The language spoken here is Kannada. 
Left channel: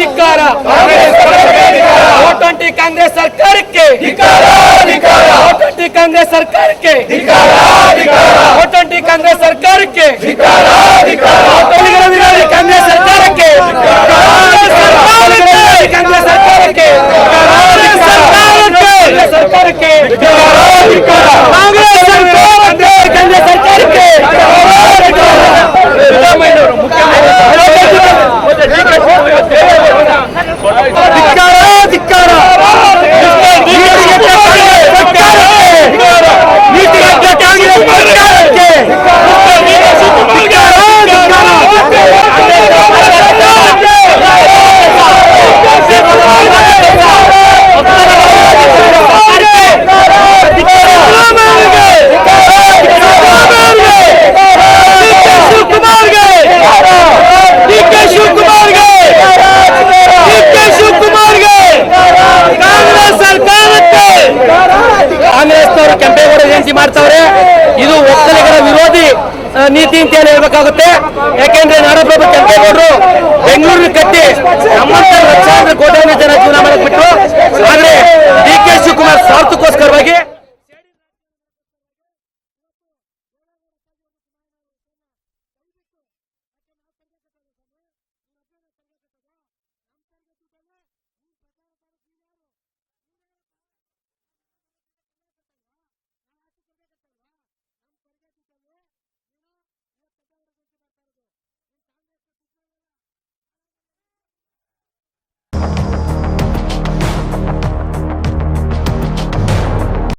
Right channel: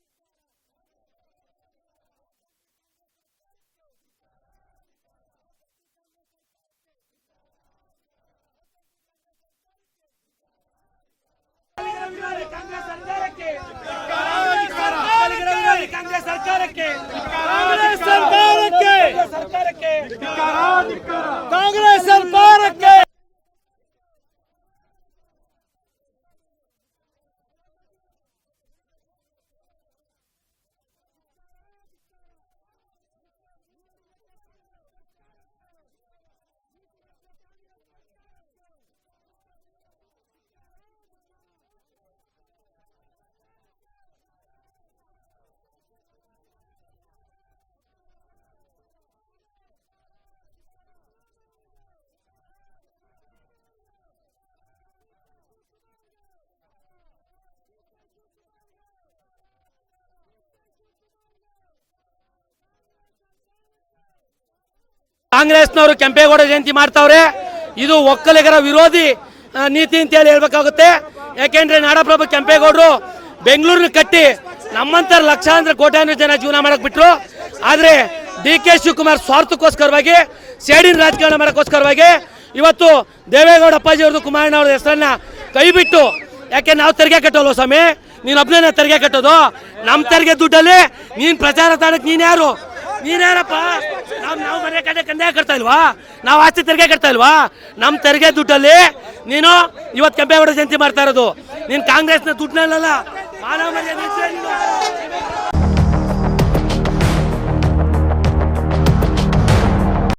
ಧಿಕ್ಕಾರ ಓಟಂಟಿ ಕಾಂಗ್ರೆಸ್ ಸರ್ಕಾರಕ್ಕೆ ಓಟಂಟಿ ಕಾಂಗ್ರೆಸ್ ಸರ್ಕಾರಕ್ಕೆ ಓಟಂಟಿ ಕಾಂಗ್ರೆಸ್ ಸರ್ಕಾರಕ್ಕೆ ಕಾಂಗ್ರೆಸ್ ಸರ್ಕಾರಕ್ಕೆ ಕಾಂಗ್ರೆಸ್ ಸರ್ಕಾರಕ್ಕೆ ಸರ್ಕಾರಕ್ಕೆ ಕಾಂಗ್ರೆಸ್ ಸರ್ಕಾರಕ್ಕೆ ಕಾಂಗ್ರೆಸ್ ಸರ್ಕಾರಕ್ಕೆ ಕೆಂಪೇಗೌಡ ಜಯಂತಿ ಮಾಡ್ತಾವ್ರೆ. ಇದು ಒಕ್ಕಲಿಗರ ವಿರೋಧಿ ನೀತಿ ಅಂತ ಹೇಳ್ಬೇಕಾಗುತ್ತೆ. ಯಾಕೆಂದ್ರೆ ನಾಡಪ್ರಭು ಕೆಂಪೇಗೌಡರು ಬೆಂಗಳೂರಿನ ಕಟ್ಟಿ ನಮ್ಮಂತ ಲಕ್ಷಾಂತರ ಕೋಟ್ಯಾಂತರ ಜನ ಜೀವನ ಮಾಡಕ್ ಬಿಟ್ರು. ಆದ್ರೆ ಡಿ.ಕೆ. ಶಿವಕುಮಾರ್ ಸ್ವಾರ್ಥಕ್ಕೋಸ್ಕರವಾಗಿ ಸೇಡಿನ ರಾಜಕಾರಣ ಮಾಡಕ್ಕೋಸ್ಕರವಾಗಿ ಇವತ್ತು ದೇವೇಗೌಡ ಅಪ್ಪಾಜಿ ಅವ್ರದ್ದು ಕುಮಾರಣ್ಣ ಅವ್ರ ಹೆಸರನ್ನ ಕೈ ಬಿಟ್ಟು, ಯಾಕೆ ನಾವು ತೆರಿಗೆ ಕಟ್ಟೋಲ್ವ ಸ್ವಾಮಿ, ನೀನ್ ಒಬ್ಬನೇ ತೆರಿಗೆ ಕಟ್ಟೋದು, ನಮ್ಮ ತೆರಿಗೆ ದುಡ್ಡಲ್ಲಿ ನೀನ್ ಪ್ರಚಾರ ತಾಣಕ್ಕೆ ನೀನ್ಯಾರಪ್ಪ? ನಾವು ಮನೆ ಕಡೆ ಕಂದಾಯ ಕಟ್ತಾ ಇಲ್ವಾ? ನಾವು ಆಸ್ತಿ ತೆರಿಗೆ ಕಟ್ತಾ ಇಲ್ವಾ? ನಮ್ಮ ತೆರಿಗೆ ದುಡ್ಡಲ್ಲಿ ನೀನು ಇವತ್ತು ಕೆಂಪೇಗೌಡ ಜಯಂತಿ ಮಾಡ್ತಾ ಇರೋದು. ನೀನು ಕಾಂಗ್ರೆಸ್ನ ದುಡ್ಡಲ್ಲ ಮಾನವ ಮರ್ಯಾದೆ